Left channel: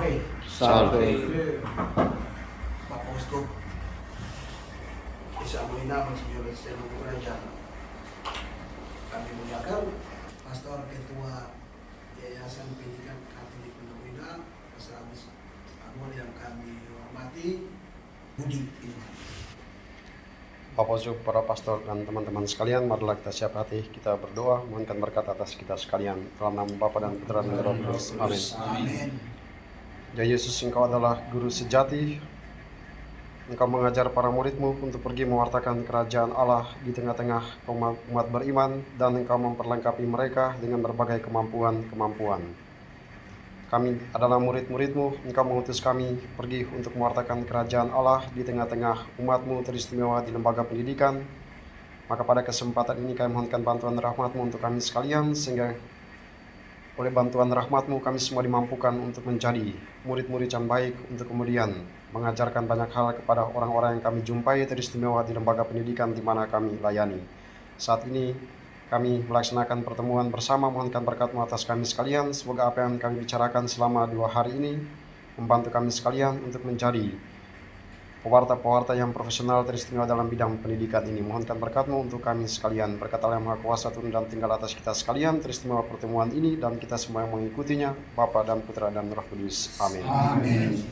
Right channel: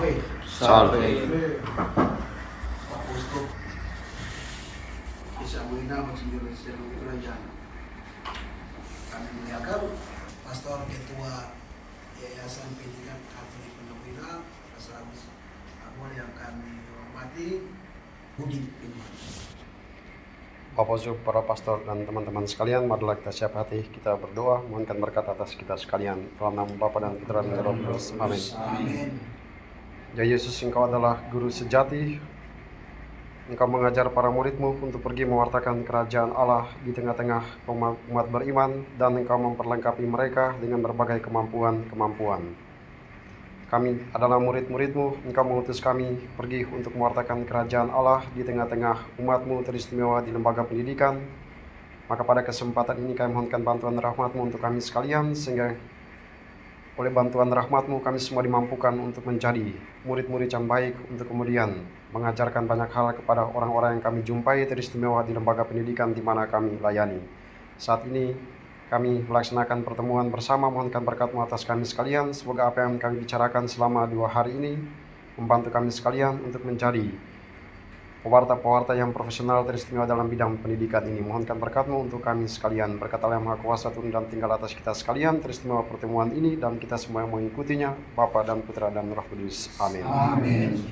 Salve. Salve. Bapak Uskup Isa Molina Monsignor Esteno Raja, kami muliakan Pastor Ketua Yayasan Pendidikan Katolik Pondok Pastor Agus Abul yang kami hormati, Budi. Bapak Uskup, para pastor dan teman-teman sekalian, marilah kita siap hati, kita berdoa, mohonkan berkat atas kita sekalian. Dalam nama Bapa dan Putra dan Roh Kudus. Amin. Amin. Ya Yesus, Engkau adalah guru sejati. Engkau mengajar para murid-Mu untuk pergi mewartakan kerajaan Allah di tengah-tengah umat beriman, dan Engkau memperlengkapi mereka dengan berbagai kemampuan. Kami adalah murid-murid-Mu, Engkau mengutus kami pergi untuk mewartakan kerajaan Allah di tengah-tengah umat-Mu teristimewa di lembaga pendidikan. Maka pada kesempatan ini kami mohonkan bantuan rahmat-Mu untuk kami sekalian, sehingga oleh bantuan rahmat-Mu kami semua dimampukan untuk menjadi murid-murid yang baik, untuk kemudian mengajarkan banyak hal kepada orang-orang yang kami jumpai teristimewa di lembaga pendidikan di mana kami layani. Saat ini kami melaksanakan pertemuan bersama, mohonkan berkat-Mu atas kami sekalian. Semoga apa yang kami bicarakan selama 2 hari ini membantu kami sekalian untuk menjadi pewarta-pewarta yang profesional teristimewa dalam bidang pendidikan ini. Mohonkan berkat-Mu untuk kami sekalian. Berkat Allah yang Maha Kuasa turun dan tinggal atas kita sekalian, teristimewa pertemuan ini, dan kita semua yang mengikutinya, Bapa dan Putra dan Roh Kudus. Amin. Amin.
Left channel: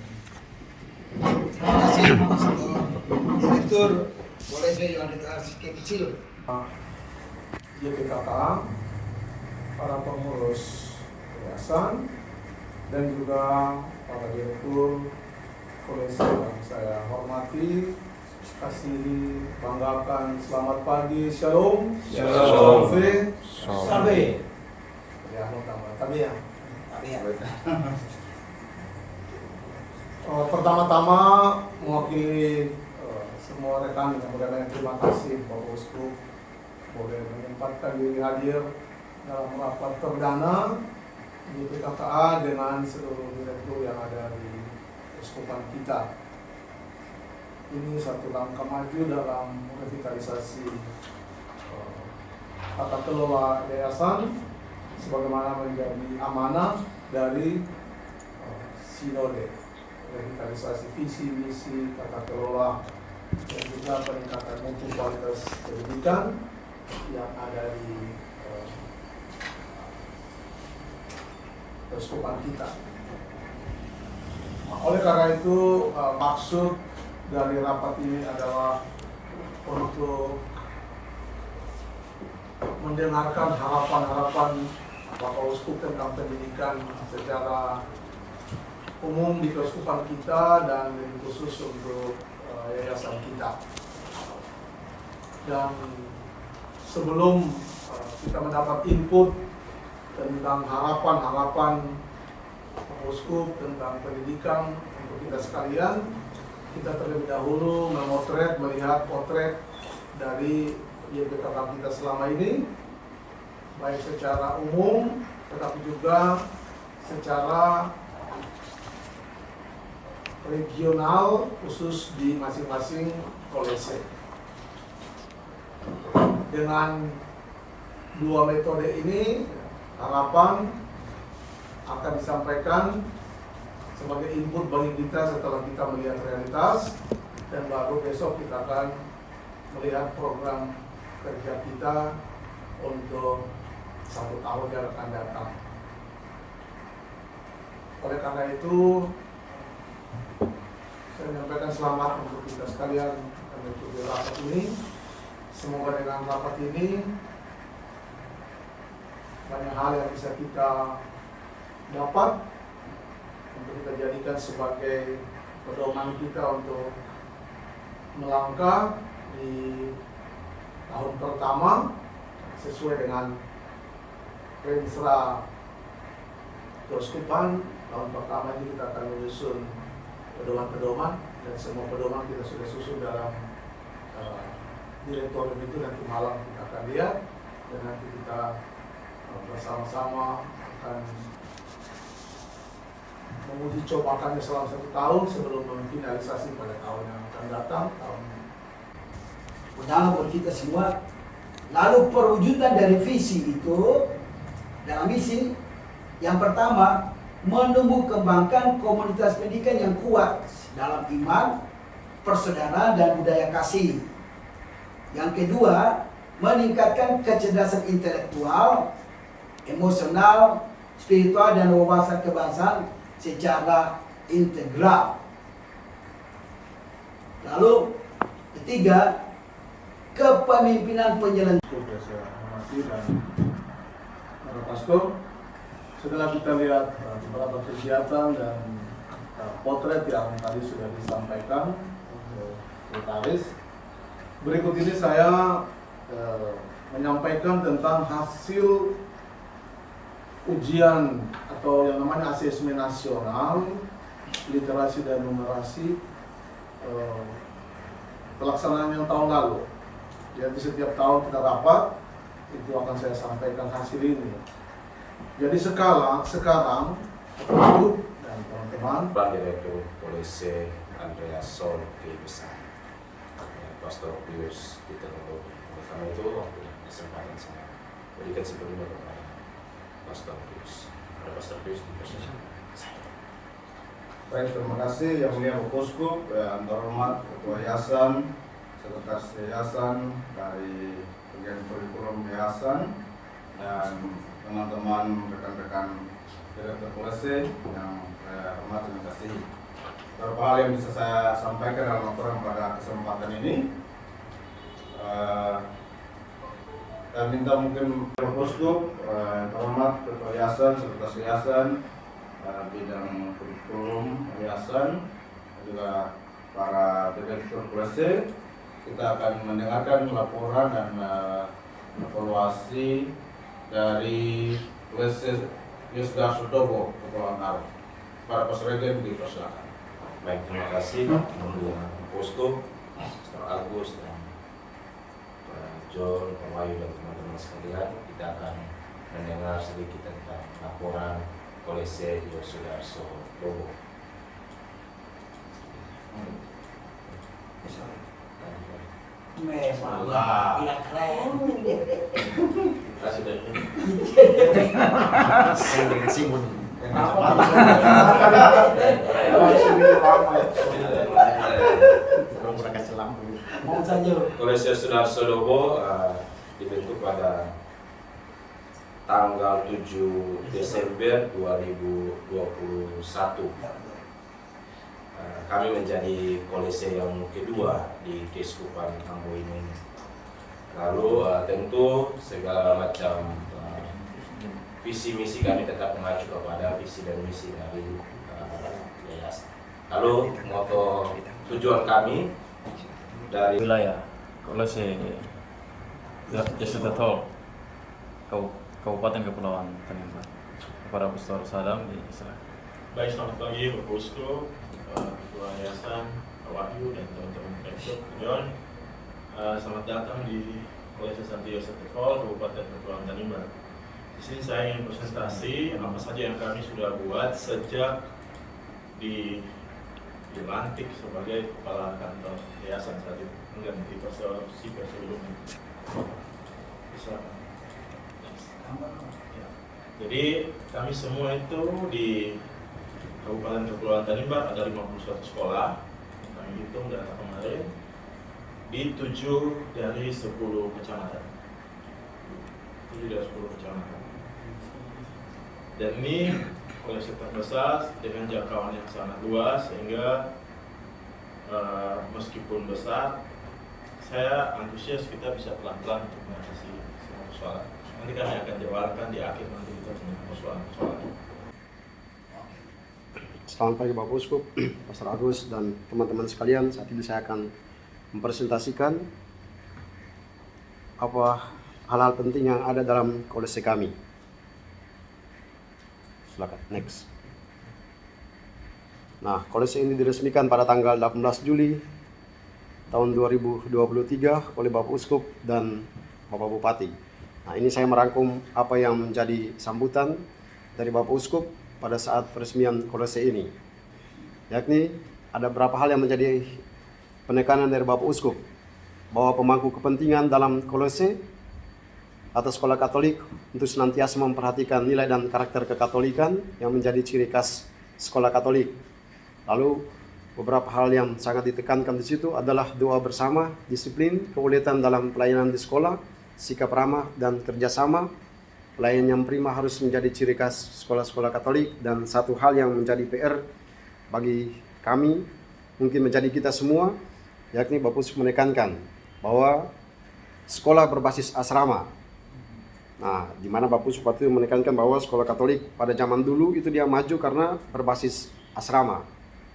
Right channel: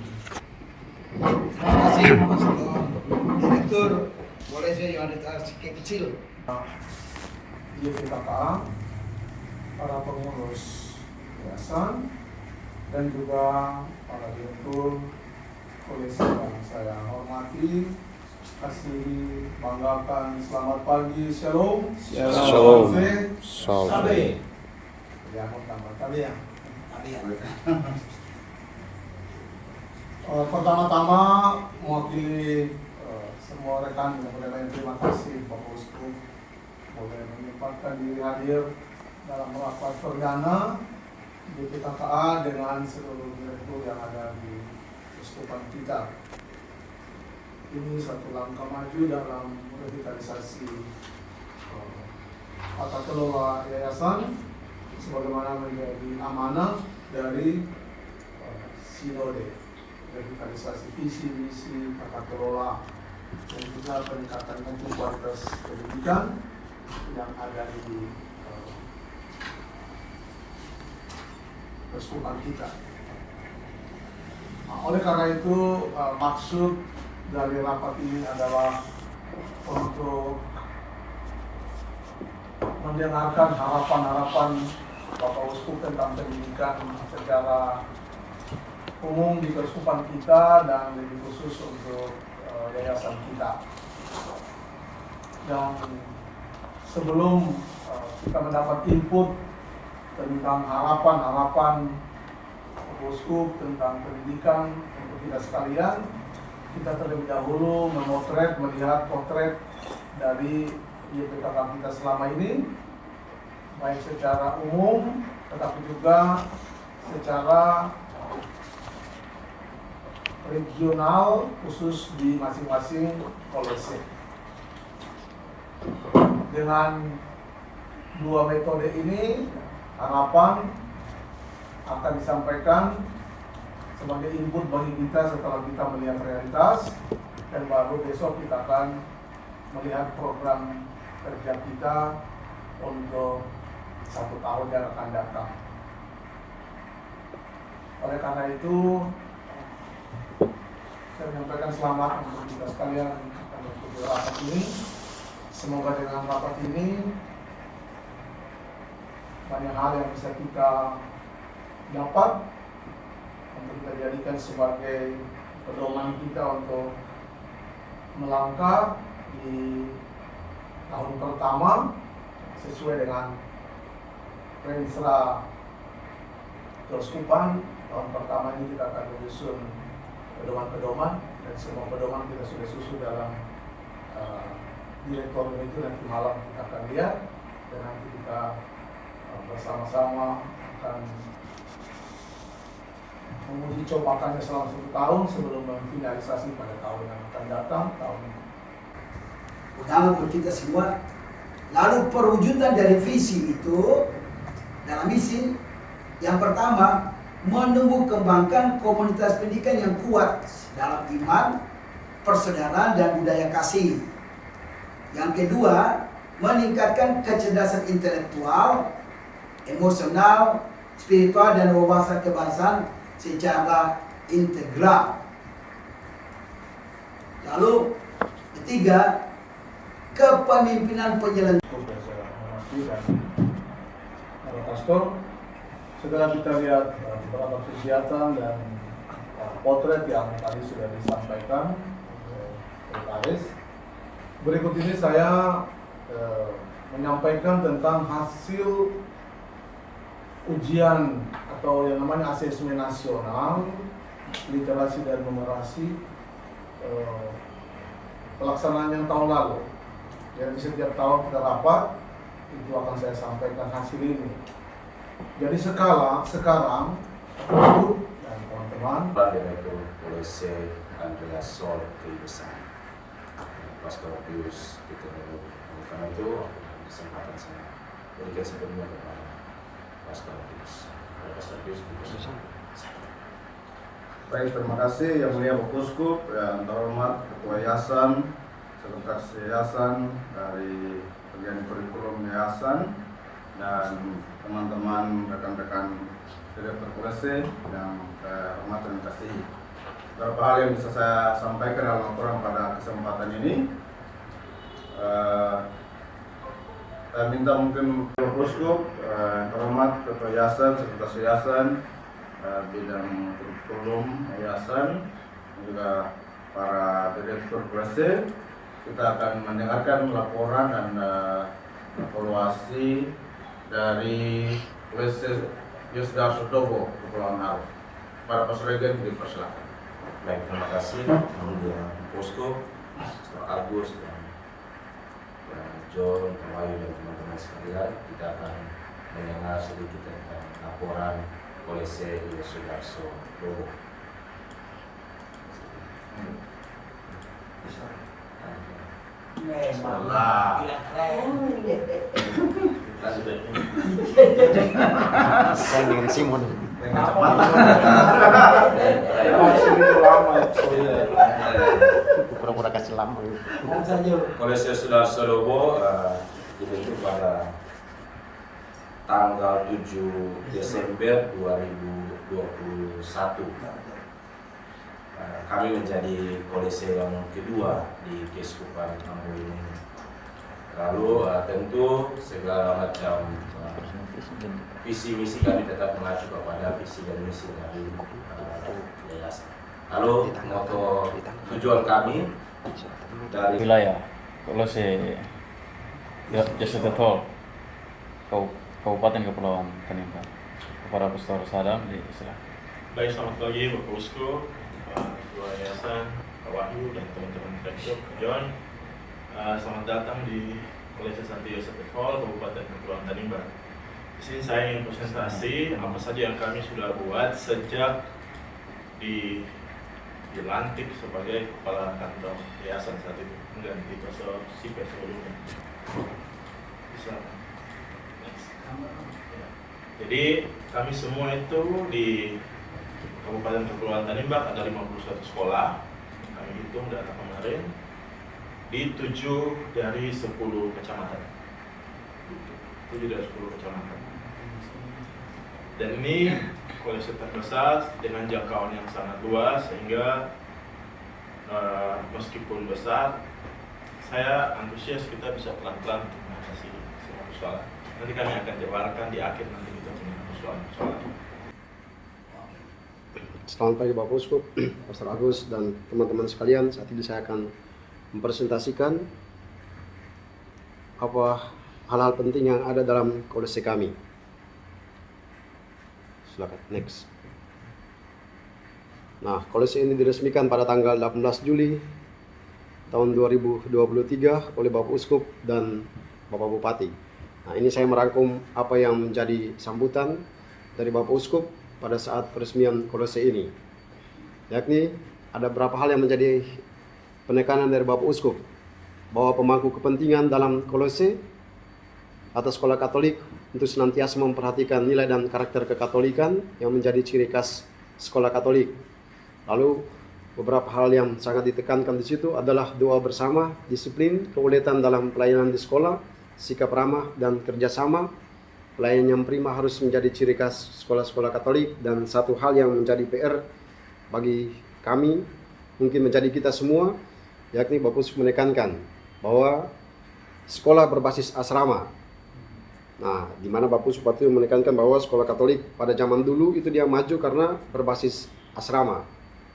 Terima kasih Pastor Direktur. Boleh saya Yohanes sedikit kecil. YPKK, para pengurus yayasan, dan juga para direktur kolese yang saya hormati, kasih banggakan, selamat pagi, shalom, Shalom. sabe, ya, tabi ya. Pertama-tama mewakili semua rekan dengan mengucapkan terima kasih Bapak Uskup boleh menyempatkan diri hadir dalam rapat perdana di PKKA dengan seluruh direktur yang ada di Uskupan kita. Ini satu langkah maju dalam revitalisasi tata kelola yayasan sebagaimana menjadi amanah dari sinode revitalisasi visi misi tata kelola dan juga peningkatan mutu kualitas pendidikan yang ada di Uskupan kita. Nah, oleh karena itu maksud dari rapat ini adalah untuk mendengarkan harapan-harapan Bapak Uskup tentang pendidikan secara umum di Keuskupan kita dan lebih khusus untuk yayasan kita. Dan sebelum kita mendapat input tentang harapan-harapan Uskup tentang pendidikan untuk kita sekalian, kita terlebih dahulu melihat potret dari YPKK kita selama ini, baik secara umum tetapi juga secara regional khusus di masing-masing kolese. Dengan 2 metode ini, harapan akan disampaikan sebagai input bagi kita setelah kita melihat realitas, dan baru besok kita akan melihat program kerja kita untuk 1 tahun yang akan datang. Oleh karena itu, saya menyampaikan selamat untuk kita sekalian yang mengikuti rapat ini. Semoga dengan rapat ini banyak hal yang bisa kita dapat untuk kita jadikan sebagai pedoman kita untuk melangkah di tahun pertama sesuai dengan Renstra Keuskupan. Tahun pertama ini kita akan menyusun pedoman-pedoman, dan semua pedoman kita sudah susun dalam direktorium itu. Nanti malam kita akan lihat, dan nanti kita bersama-sama akan menguji cobakannya selama 1 tahun sebelum memfinalisasi pada tahun yang akan datang, tahun Pertama buat kita semua. Lalu perwujudan dari visi itu dalam misi yang pertama menumbuh kembangkan komunitas pendidikan yang kuat dalam iman, persaudaraan, dan budaya kasih. Yang kedua, meningkatkan kecerdasan intelektual, emosional, spiritual, dan wawasan kebangsaan secara integral. Lalu ketiga, kepemimpinan penyelenggara. Saya hormati dan para pastor, setelah kita lihat beberapa kegiatan dan potret yang tadi sudah disampaikan oleh Sekretaris, berikut ini saya menyampaikan tentang hasil ujian atau yang namanya asesmen nasional literasi dan numerasi pelaksanaan yang tahun lalu. Jadi setiap tahun kita rapat, itu akan saya sampaikan hasil ini. Jadi sekarang Ibu dan teman-teman, Direktur Polisi Andreas Sol Besar, Pastor Pius Peter Lalu. Oleh karena itu, kesempatan saya berikan sepenuhnya kepada Pastor Pius. Pada Pastor Pius, Baik, terima kasih Yang Mulia Bapak Uskup, yang terhormat Ketua Yayasan, Sekretaris Yayasan dari bagian kurikulum Yayasan, dan teman-teman rekan-rekan Direktur Polisi yang saya hormati dan kasih. Beberapa hal yang bisa saya sampaikan dalam laporan pada kesempatan ini. Saya minta mungkin Bapak Uskup, terhormat Ketua Yayasan, Sekretaris Yayasan, bidang kurikulum yayasan, dan juga para direktur polisi, kita akan mendengarkan laporan dan evaluasi dari polisi Yusdar Sutobo, Kepulauan Arau. Para Pasregen dipersilakan. baik, terima kasih. Kemudian Posko, Pastor Agus, dan Pak John, Pak Wahyu, dan teman-teman sekalian, kita akan mendengar sedikit tentang laporan Polisi Yosudarso Lobo. Memang keren. Terima kasih banyak. Keren dengan Simon. Pura-pura kasih lama. Polisi Yosudarso Lobo dibentuk pada tanggal 7 Desember 2021. Kami menjadi kolese yang kedua di Keuskupan Ambo ini. Lalu tentu segala macam visi misi kami tetap mengacu kepada visi dan misi dari yayasan. Lalu moto tujuan kami dari wilayah Kolose Yasudatol Kabupaten Kepulauan Tanimbar. Kepada Pastor Sadam di Islam. Baik, selamat pagi Bapak Uskup, Ketua Yayasan, Pak Wahyu, dan teman-teman Direktur, John. Selamat datang di Kolese Santi Yosef Hall, Kabupaten Kepulauan Tanimbar. Di sini saya ingin presentasi apa saja yang kami sudah buat sejak dilantik sebagai kepala kantor yayasan saat itu, mengganti Pastor Sipe sebelumnya. Bisa. Ya. Jadi kami semua itu di Kabupaten Kepulauan Tanimbar ada 51 sekolah. Kami hitung data kemarin di 7 dari 10 kecamatan. 7 dari 10 kecamatan. Dan ini kolese terbesar dengan jangkauan yang sangat luas sehingga meskipun besar, saya antusias kita bisa pelan-pelan untuk mengatasi semua persoalan. Nanti kami akan jabarkan di akhir nanti kita punya persoalan-persoalan. Selamat pagi Bapak Uskup, Pastor Agus, dan teman-teman sekalian. Saat ini saya akan mempresentasikan apa hal-hal penting yang ada dalam kolese kami. Silakan, next. Nah, kolese ini diresmikan pada tanggal 18 Juli tahun 2023 oleh Bapak Uskup dan Bapak Bupati. Nah, ini saya merangkum apa yang menjadi sambutan dari Bapak Uskup pada saat peresmian kolese ini. Yakni ada beberapa hal yang menjadi penekanan dari Bapak Uskup, bahwa pemangku kepentingan dalam kolese atau sekolah Katolik untuk senantiasa memperhatikan nilai dan karakter kekatolikan yang menjadi ciri khas sekolah Katolik. Lalu beberapa hal yang sangat ditekankan di situ adalah doa bersama, disiplin, keuletan dalam pelayanan di sekolah, sikap ramah dan kerjasama. Pelayanan yang prima harus menjadi ciri khas sekolah-sekolah Katolik, dan satu hal yang menjadi PR bagi kami, mungkin menjadi kita semua, yakni Bapak Uskup menekankan bahwa sekolah berbasis asrama. Nah, di mana Bapak Uskup itu menekankan bahwa sekolah Katolik pada zaman dulu itu dia maju karena berbasis asrama.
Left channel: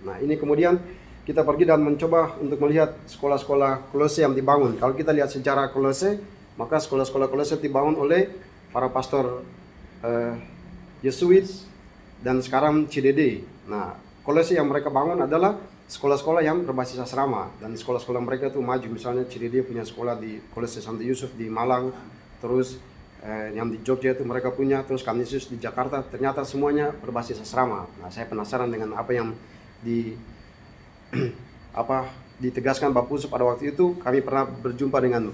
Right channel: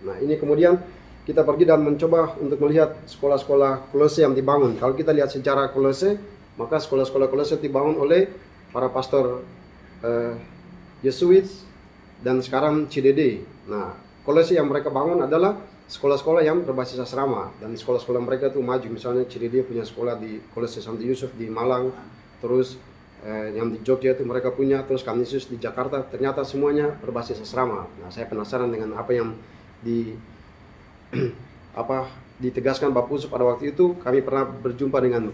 Nah, ini kemudian kita pergi dan mencoba untuk melihat sekolah-sekolah Kolose yang dibangun. Kalau kita lihat sejarah Kolose, maka sekolah-sekolah Kolose dibangun oleh para pastor Yesuit dan sekarang CDD. Nah, Kolose yang mereka bangun adalah sekolah-sekolah yang berbasis asrama, dan sekolah-sekolah mereka itu maju. Misalnya CDD punya sekolah di Kolose Santo Yusuf di Malang, terus yang di Jogja itu mereka punya, terus Kanisius di Jakarta, ternyata semuanya berbasis asrama. Nah, saya penasaran dengan apa yang ditegaskan Bapak Uskup pada waktu itu. Kami pernah berjumpa dengan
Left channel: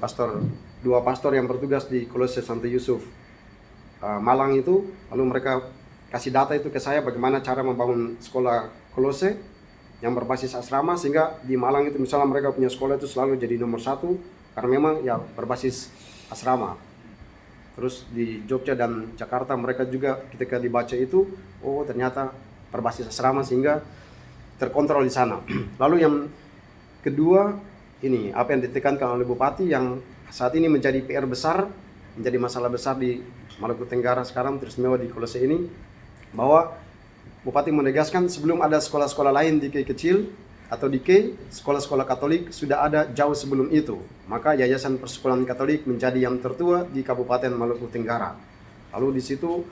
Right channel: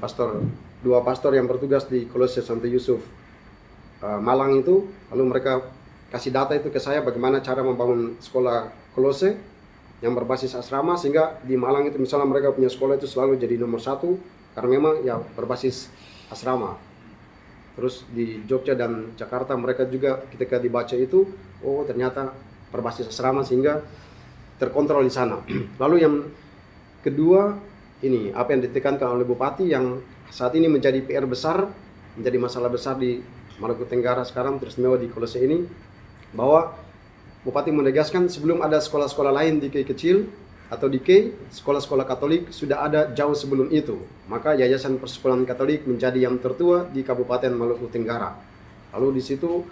dua pastor yang bertugas di Kolose Santo Yusuf Malang itu, lalu mereka kasih data itu ke saya bagaimana cara membangun sekolah Kolose yang berbasis asrama, sehingga di Malang itu misalnya mereka punya sekolah itu selalu jadi nomor 1 karena memang ya berbasis asrama. Terus di Jogja dan Jakarta mereka juga ketika dibaca itu, oh ternyata berbasis asrama sehingga terkontrol di sana. Lalu yang kedua, ini apa yang ditekankan oleh Bupati yang saat ini menjadi PR besar, menjadi masalah besar di Maluku Tenggara sekarang, teristimewa di Kolose ini, bahwa Bupati menegaskan sebelum ada sekolah-sekolah lain di Kei kecil atau di Kei, sekolah-sekolah Katolik sudah ada jauh sebelum itu. Maka Yayasan Persekolahan Katolik menjadi yang tertua di Kabupaten Maluku Tenggara. Lalu di situ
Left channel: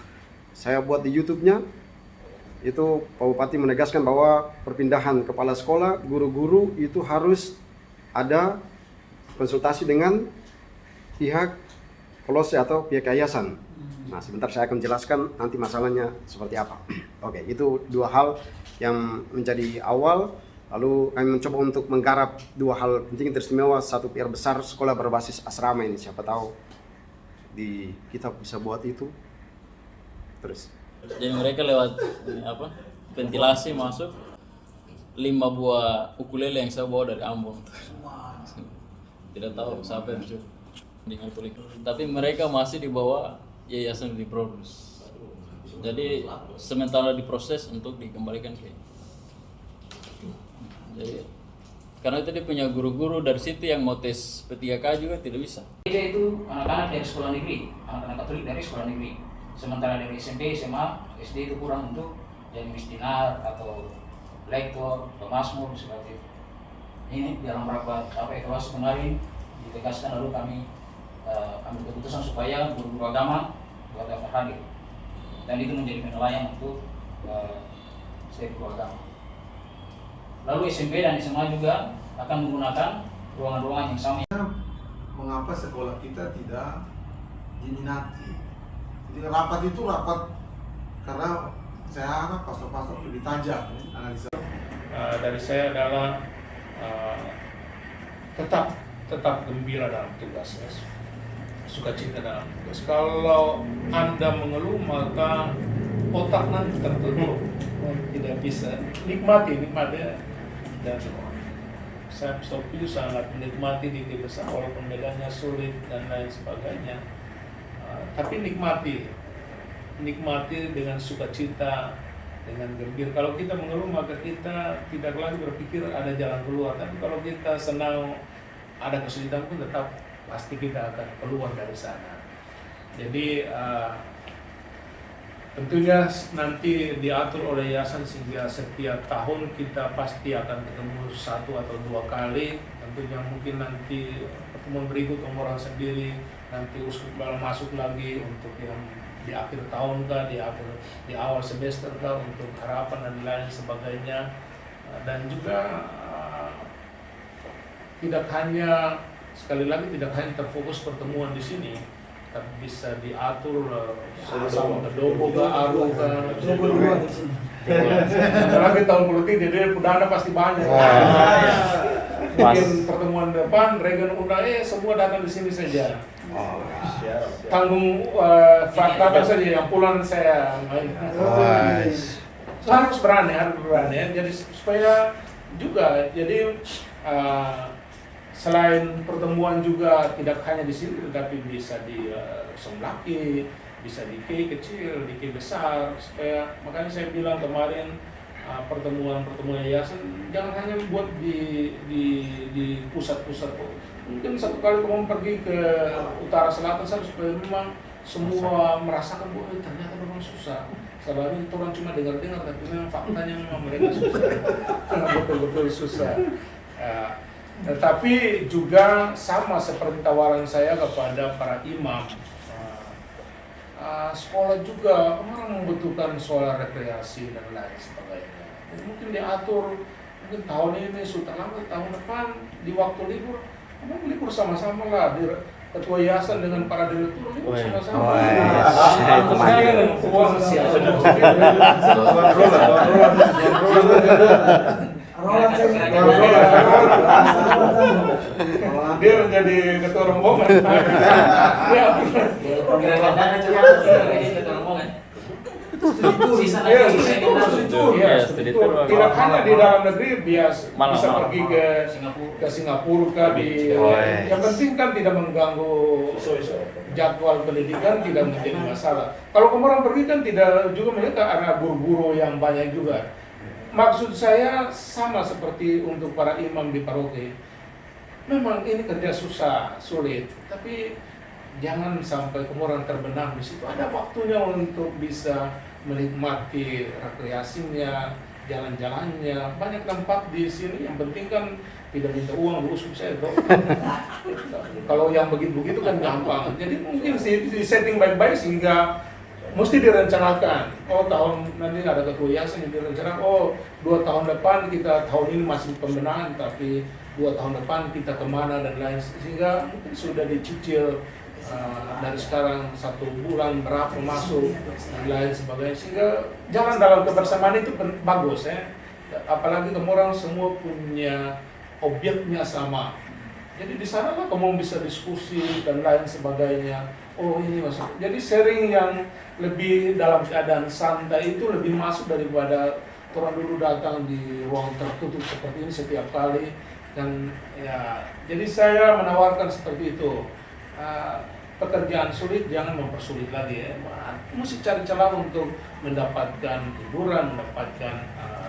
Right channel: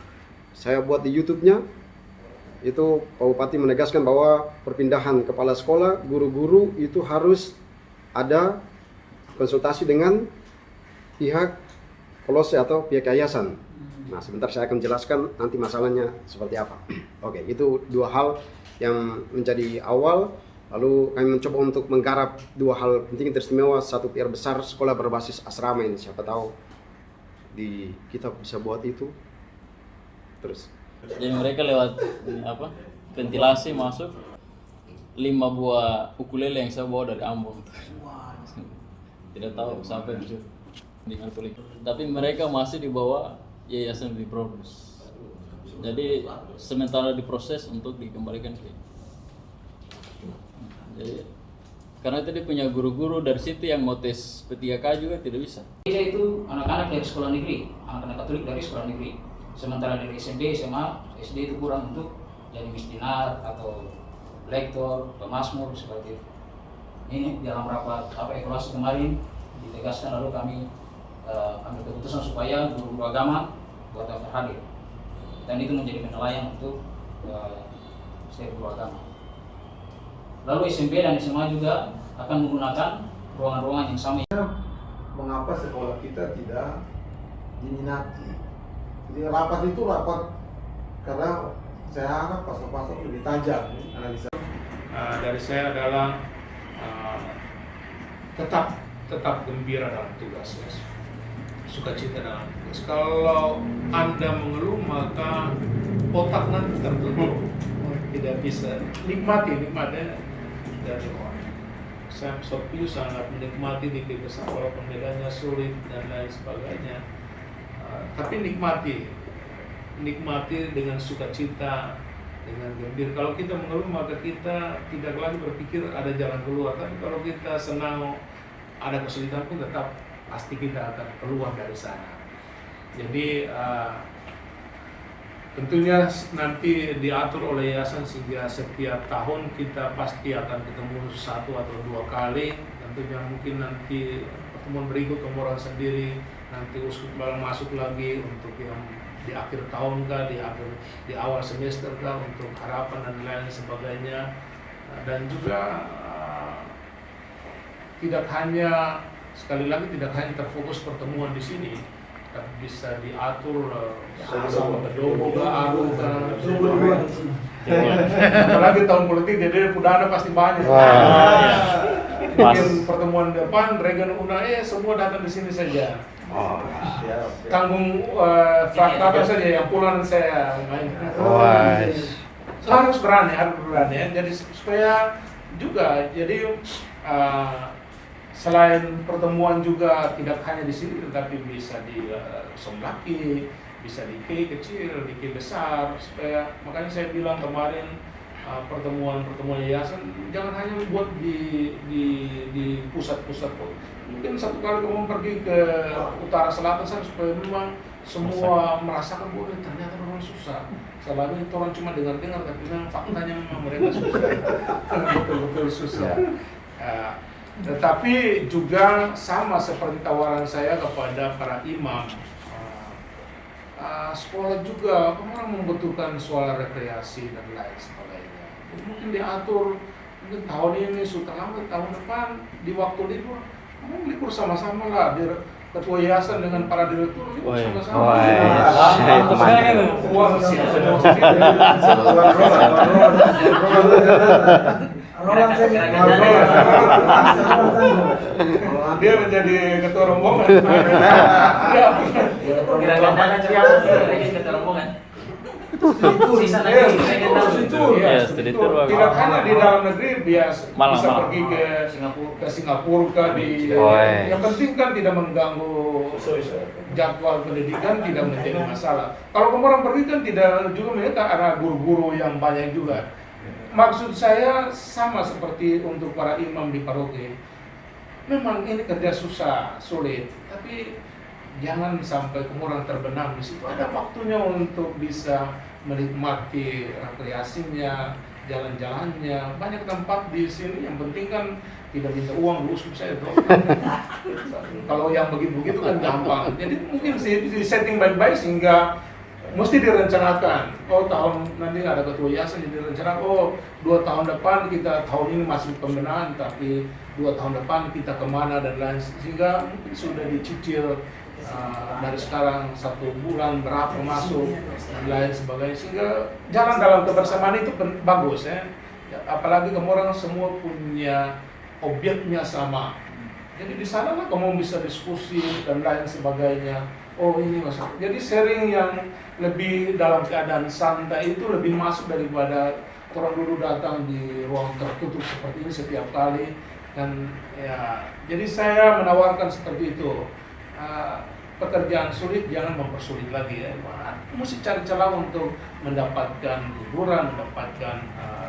saya buat di YouTube-nya, itu Pak Bupati menegaskan bahwa perpindahan kepala sekolah, guru-guru itu harus ada konsultasi dengan pihak Kolose atau pihak yayasan. Nah, sebentar saya akan jelaskan nanti masalahnya seperti apa. Oke, itu dua hal yang menjadi awal. Lalu kami mencoba untuk menggarap dua hal penting teristimewa, satu PR besar sekolah berbasis asrama ini. Siapa tahu kita bisa buat itu. Terus. Jadi mereka lewat ventilasi masuk 5 buah ukulele yang saya bawa dari Ambon. Tidak tahu siapa yang masuk di Katolik. Tapi mereka masih di bawah yayasan diproduksi. Jadi sementara diproses untuk dikembalikan ke. Jadi karena itu dia punya guru-guru dari situ yang mau tes P3K juga tidak bisa. Gereja itu anak-anak dari sekolah negeri, anak-anak Katolik dari sekolah negeri. Sementara dari SMP, SMA, SD itu kurang untuk jadi misdinar atau lektor, pemazmur seperti itu. Ini dalam rapat evaluasi kemarin ditegaskan, lalu kami ambil keputusan supaya guru-guru agama buat daftar hadir. Dan itu menjadi penilaian untuk setiap guru agama. Lalu SMP dan SMA juga akan menggunakan ruangan-ruangan yang sama. Mengapa sekolah kita tidak diminati? Jadi rapat itu rapat karena saya harap pastor-pastor lebih tajam analisa. Dari saya adalah tetap gembira dalam tugas, ya. Sukacita dalam tugas. Kalau Anda mengeluh maka otak nanti tertutup, tidak bisa nikmati dan semua. Saya setuju sangat menikmati di besar walaupun medannya sulit dan lain sebagainya. Tapi nikmati dengan sukacita, dengan gembira. Kalau kita mengeluh maka kita tidak lagi berpikir ada jalan keluar. Tapi kalau kita senang, ada kesulitan pun tetap pasti kita akan keluar dari sana. Jadi tentunya nanti diatur oleh yayasan sehingga setiap tahun kita pasti akan ketemu 1 atau 2 kali. Tentunya mungkin nanti pertemuan berikut orang sendiri, nanti uskup masuk lagi untuk yang di akhir tahun kah, di awal semester kah, untuk harapan dan lain sebagainya. Dan juga tidak hanya terfokus pertemuan di sini, tapi bisa diatur sama ke Dobo ke Aru ke. Apalagi tahun politik jadi dana pasti banyak. Mungkin pertemuan depan Regan undang semua datang di sini saja. tanggung fakta saja yang pulang saya main. Harus berani ya. Jadi supaya juga jadi selain pertemuan juga tidak hanya di sini tetapi bisa di Somlaki, bisa di K kecil, di K besar, supaya makanya saya bilang kemarin pertemuan yayasan jangan hanya buat di pusat-pusat kok. Mungkin satu kali kamu pergi ke utara selatan sana supaya memang semua merasakan bahwa ternyata orang susah. Selama ini orang cuma dengar-dengar tapi memang faktanya memang mereka susah. Betul-betul susah. Tetapi juga sama seperti tawaran saya kepada para imam, sekolah juga orang membutuhkan soal rekreasi dan lain sebagainya. Jadi mungkin diatur, mungkin tahun ini sudah lama, tahun depan di waktu libur, kamu libur sama-sama lah. Ketua yayasan dengan para direktur libur sama-sama. Uang semua sendiri. Dia menjadi ketua rombongan. Kira-kira dana coba jadi ketua rombongan. Sisa lagi tidak hanya di dalam negeri bisa pergi ke Singapura yang penting kan tidak mengganggu jadwal pendidikan, tidak menjadi masalah. Kalau kamu orang pergi kan tidak juga menyangka ada guru-guru yang banyak juga. Maksud saya sama seperti untuk para imam di paroki. Memang ini kerja susah, sulit, tapi jangan sampai kamu orang terbenam di situ. Ada waktunya untuk bisa menikmati rekreasinya, jalan-jalannya. Banyak tempat di sini, yang penting kan tidak minta uang dulu saya toh. Kalau yang begitu-begitu kan gampang. Jadi mungkin di setting baik-baik sehingga mesti direncanakan. Oh tahun nanti ada ketua yayasan yang direncanakan. Oh 2 tahun depan kita tahun ini masih pembenahan, tapi 2 tahun depan kita kemana dan lain, sehingga mungkin sudah dicicil dari sekarang 1 bulan berapa masuk dan lain sebagainya, sehingga jalan dalam kebersamaan itu bagus ya. Apalagi kamu orang semua punya objeknya sama. Jadi di sana lah kamu bisa diskusi dan lain sebagainya. Oh ini masuk. Jadi sharing yang lebih dalam keadaan santai itu lebih masuk daripada orang dulu datang di ruang tertutup seperti ini setiap kali. Dan ya, jadi saya menawarkan seperti itu. Pekerjaan sulit jangan mempersulit lagi ya. Mesti cari celah untuk mendapatkan hiburan, mendapatkan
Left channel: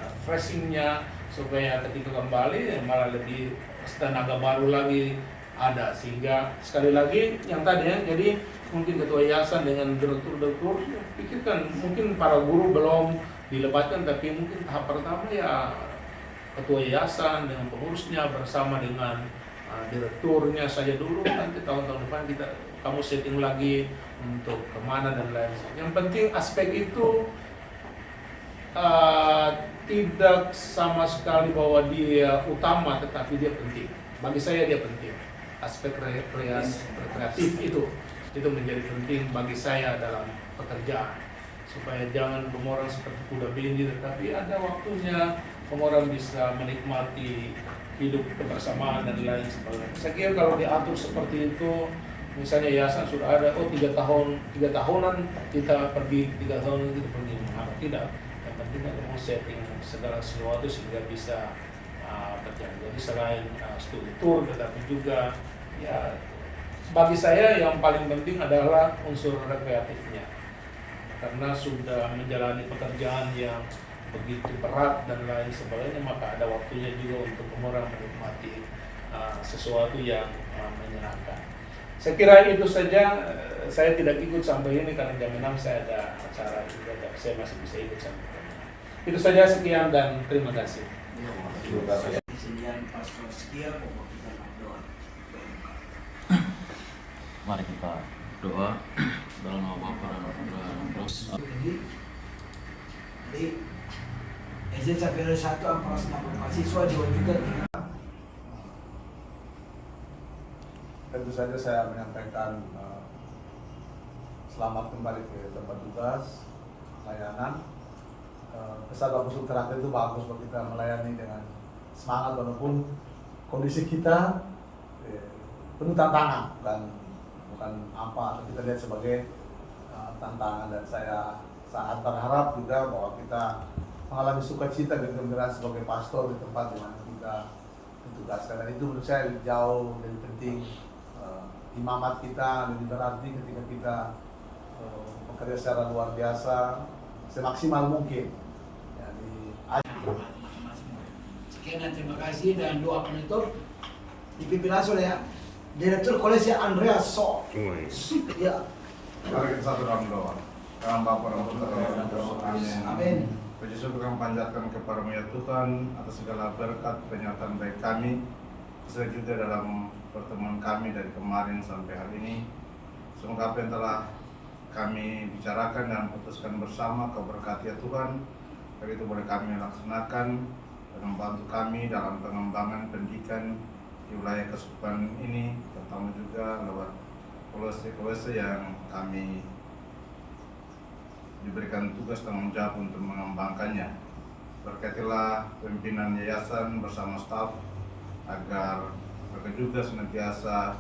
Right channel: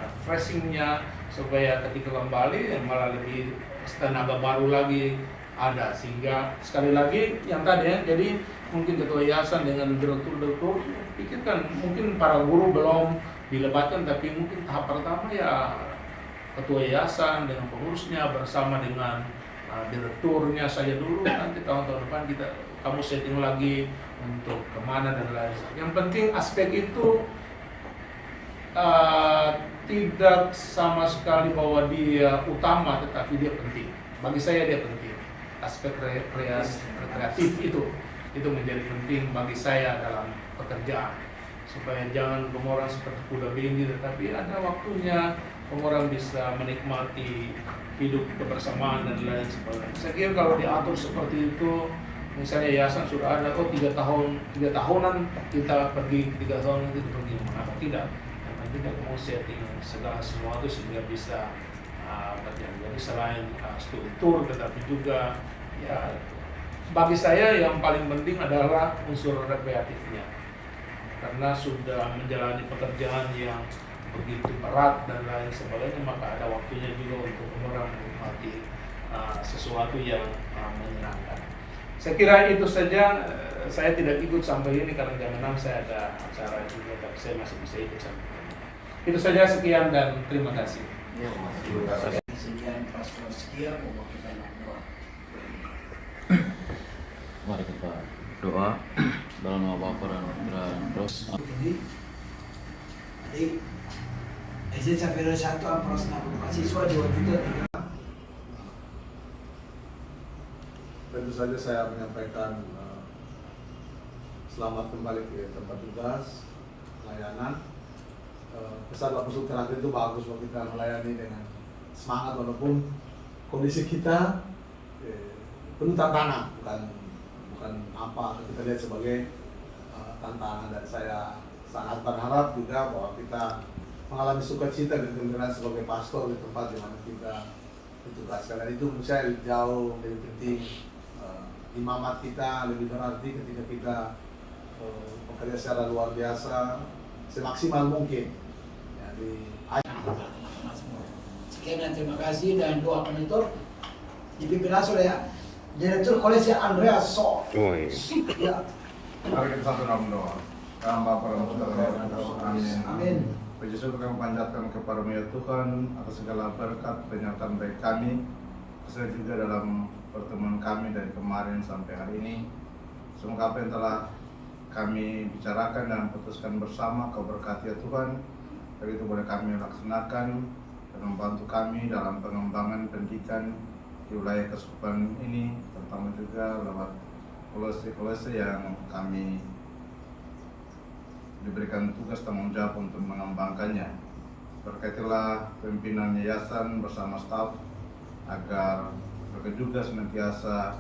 refreshingnya, supaya ketika kembali malah lebih tenaga baru lagi ada. Sehingga sekali lagi yang tadi ya, jadi mungkin ketua yayasan dengan direktur pikirkan, mungkin para guru belum dilebatkan, tapi mungkin tahap pertama ya ketua yayasan dengan pengurusnya bersama dengan direkturnya saja dulu. Nanti tahun-tahun depan kamu setting lagi untuk kemana dan lain. Yang penting aspek itu tidak sama sekali bahwa dia utama, tetapi dia penting. Bagi saya dia penting. Aspek rekreatif itu menjadi penting bagi saya dalam pekerjaan, supaya jangan orang seperti kuda bindi, tetapi ada waktunya orang bisa menikmati hidup kebersamaan dan lain sebagainya. Saya kira kalau diatur seperti itu, misalnya yayasan sudah ada, 3 tahunan kita pergi, 3 tahunan kita pergi, mengapa tidak? Yang penting kita mau setting segala sesuatu sehingga bisa terjadi. Jadi selain studi tour, tetapi juga ya bagi saya yang paling penting adalah unsur rekreatifnya, karena sudah menjalani pekerjaan yang begitu berat dan lain sebagainya, maka ada waktunya juga untuk orang menikmati sesuatu yang menyenangkan. Saya kira itu saja. Saya tidak ikut sampai ini karena jam 6 saya ada acara juga, tapi saya masih bisa ikut sampai jam 6. Itu saja, sekian dan terima kasih. Mari kita doa dalam nama Bapa dan Roh. Jadi SD sampai 1 mahasiswa 2 juta 3. Tentu saja saya menyampaikan selamat kembali ke tempat tugas, layanan. Pesan Bapak terakhir itu bagus buat kita melayani dengan semangat walaupun kondisi kita penuh tantangan, bukan bukan apa atau kita lihat sebagai tantangan, dan saya sangat berharap juga bahwa kita mengalami sukacita dan kegembiraan sebagai pastor di tempat di mana kita ditugaskan, dan itu menurut saya jauh lebih penting. Imamat kita lebih berarti ketika kita bekerja secara luar biasa semaksimal mungkin. Jadi Sekian dan terima kasih, dan doa penutup dipimpin langsung oleh Direktur Kolese Andreas So. Ya. Mari kita satu dalam doa. Dalam Bapa dan Putra dan Roh Kudus. Amin. Amin. Puji syukur kami panjatkan kepada-Mu ya Tuhan atas segala berkat penyertaan baik kami, khususnya juga dalam pertemuan kami dari kemarin sampai hari ini. Semoga apa yang telah kami bicarakan dan putuskan bersama Kau berkati ya Tuhan, agar itu boleh kami laksanakan dan membantu kami dalam pengembangan pendidikan di wilayah Keuskupan ini, terutama juga lewat kolose-kolose yang kami diberikan tugas tanggung jawab untuk mengembangkannya. Berkatilah pimpinan yayasan bersama staf agar mereka juga senantiasa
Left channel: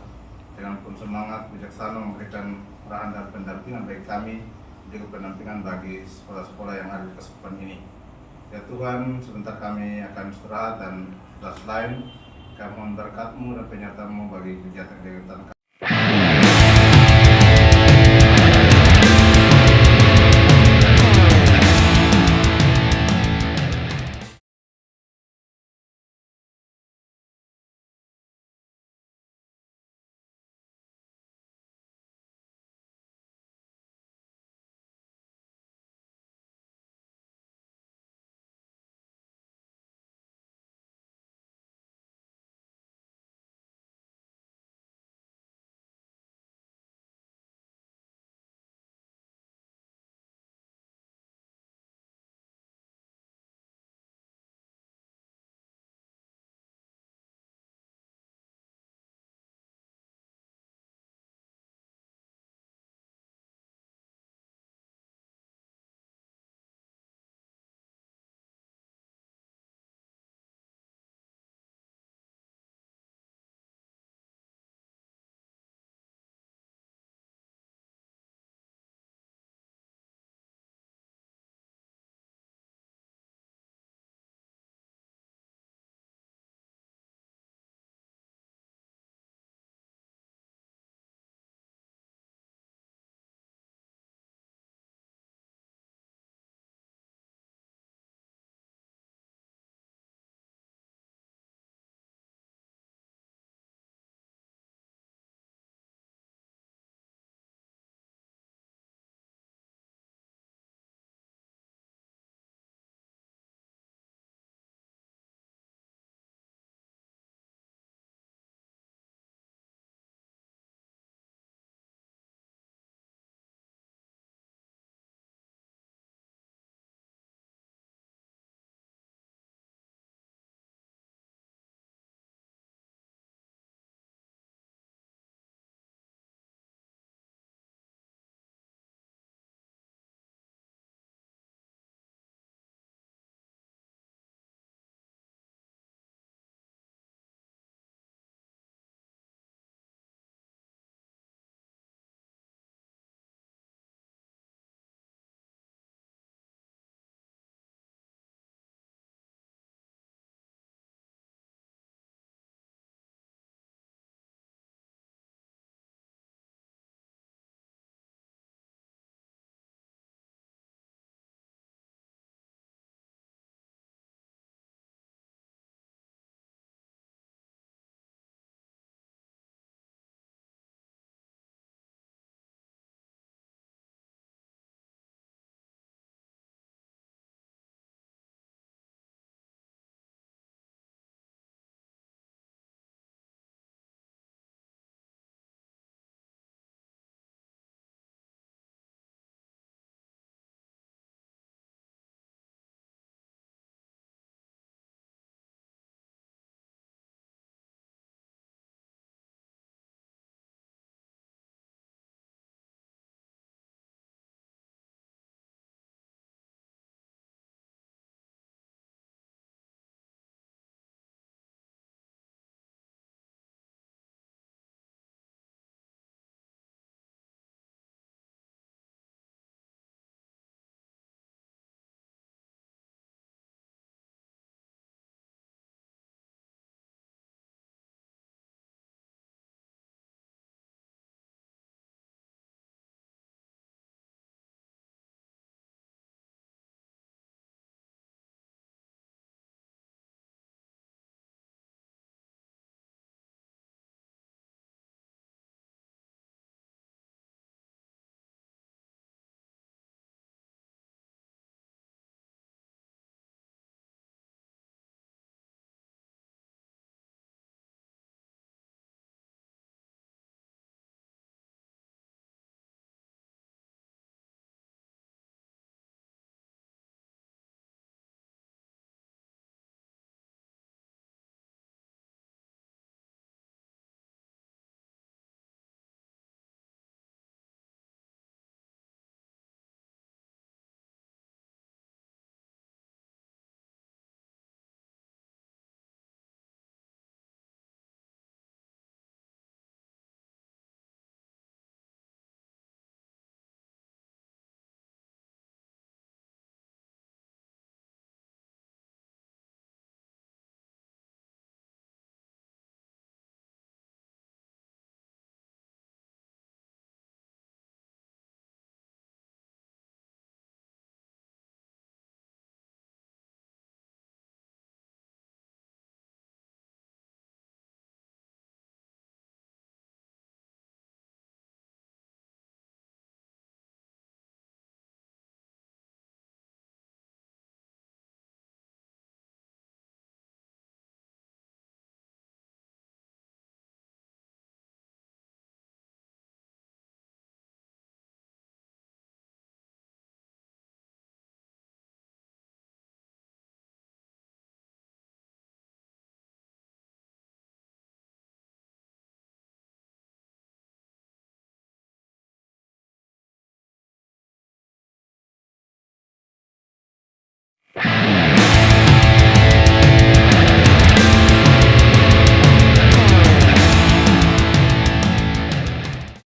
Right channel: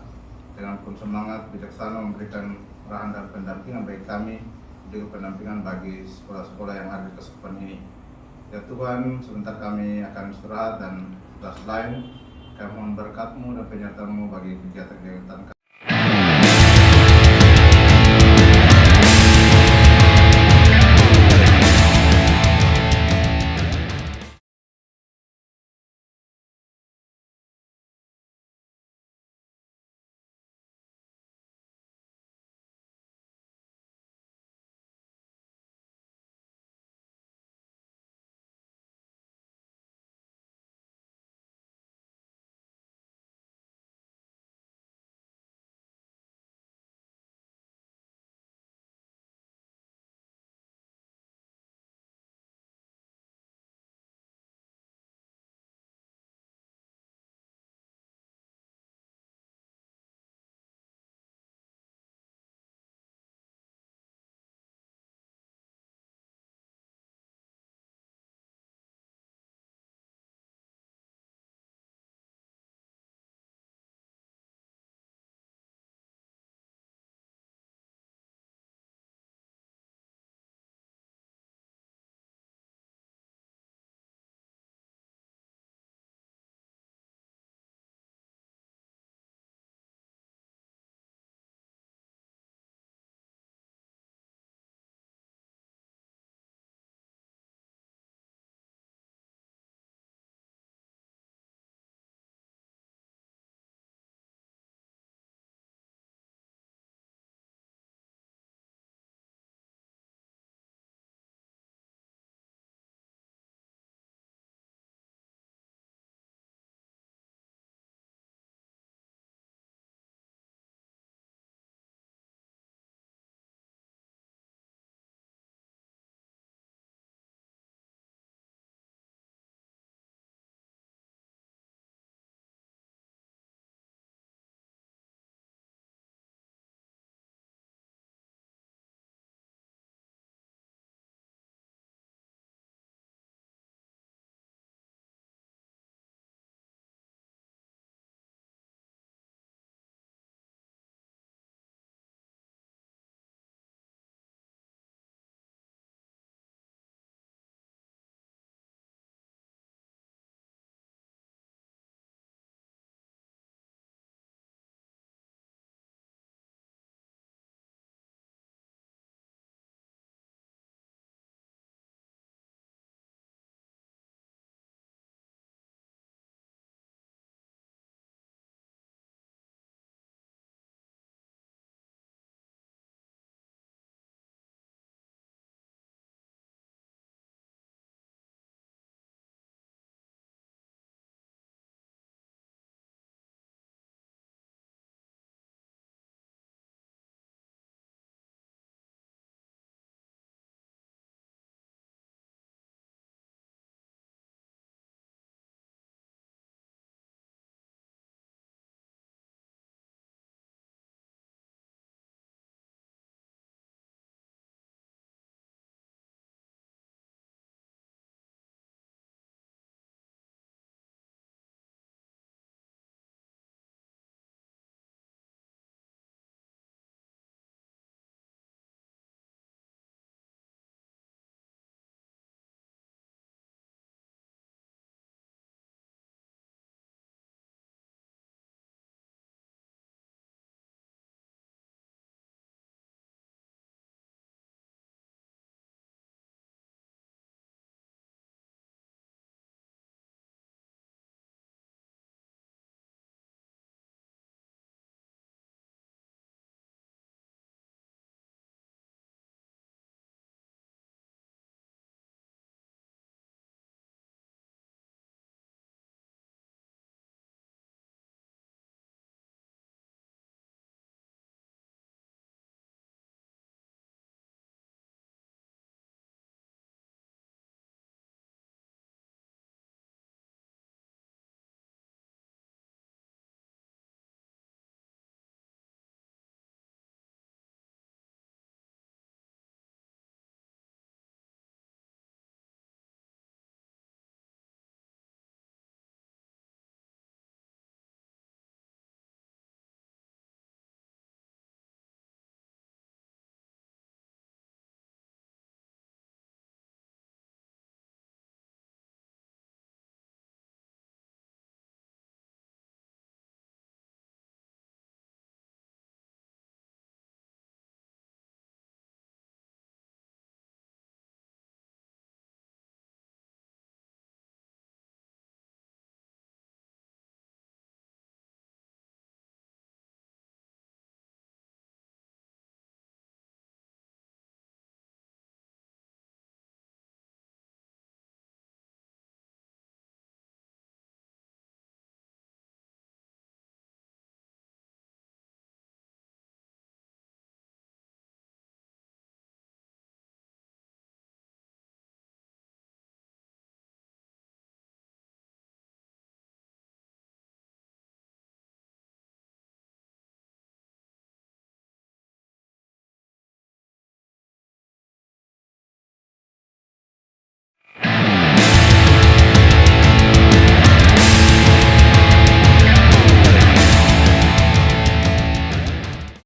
dengan penuh semangat bijaksana memberikan arahan dan pendampingan bagi kami, juga pendampingan bagi sekolah-sekolah yang ada di Keuskupan ini. Ya Tuhan, sebentar kami akan istirahat dan tugas lain, kami mohon berkat-Mu dan penyertaan-Mu bagi kegiatan-kegiatan kami.